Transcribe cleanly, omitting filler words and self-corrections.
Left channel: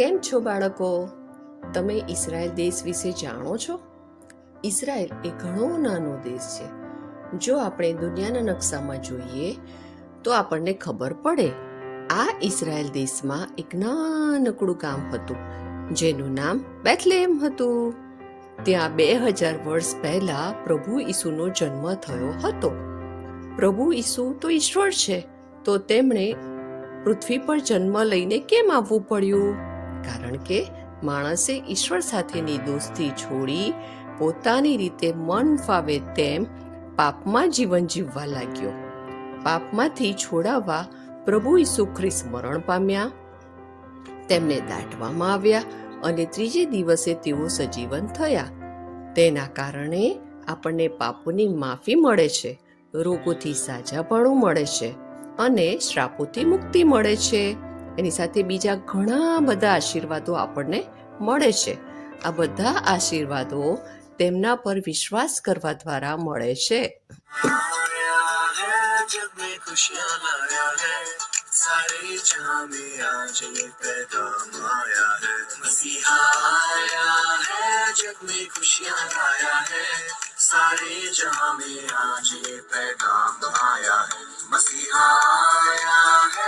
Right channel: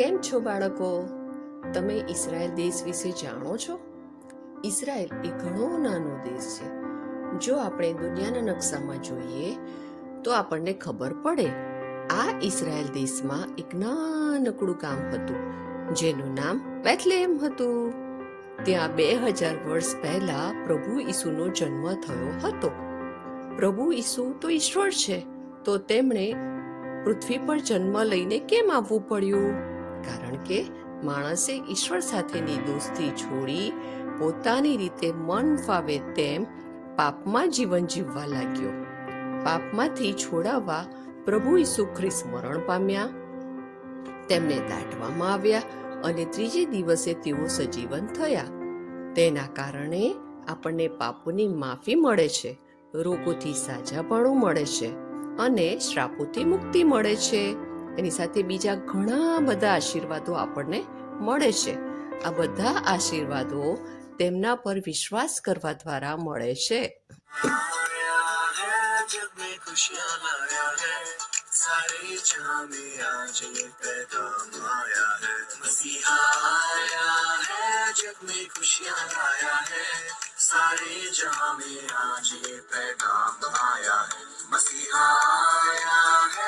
કેમ છો બાળકો? તમે ઇઝરાયલ દેશ વિશે જાણો છો? ઇઝરાયલ એ ઘણો નાનો દેશ છે. જો આપણે દુનિયાના નકશામાં જોઈએ તો આપણને ખબર પડે આ ઇઝરાયલ દેશમાં એક નાનકડું ગામ હતું જેનું નામ બેથલેહેમ હતું. ત્યાં 2000 વર્ષ પહેલા પ્રભુ ઈસુનો જન્મ થયો હતો. પ્રભુ ઈસુ તો ઈશ્વર છે, તો તેમણે પૃથ્વી પર જન્મ લઈને કેમ આવવું પડ્યું? કારણ કે માણસે ઈશ્વર સાથેની દોસ્તી છોડી પોતાની રીતે મન ફાવે તેમ પાપમાં જીવન જીવવા લાગ્યો. પાપમાંથી છોડાવવા પ્રભુ ઈસુ ખ્રિસ્ત મરણ પામ્યા, તેમને દાટવામાં આવ્યા અને ત્રીજે દિવસે તેઓ સજીવન થયા. તેના કારણે આપણને પાપોની માફી મળે છે, રોગોથી સાજાપણું મળે છે અને શ્રાપોથી મુક્તિ મળે છે. એની સાથે બીજા ઘણા બધા આશીર્વાદો આપણને મળે છે. આ બધા આશીર્વાદો તેમના પર વિશ્વાસ કરવા દ્વારા મળે છે. सारे जहां में आज ये पैगाम आया है, मसीहा आया है, जग में खुशियां लाया है. सारे जहां में आज ये पैगाम आया है, मसीहा आया है.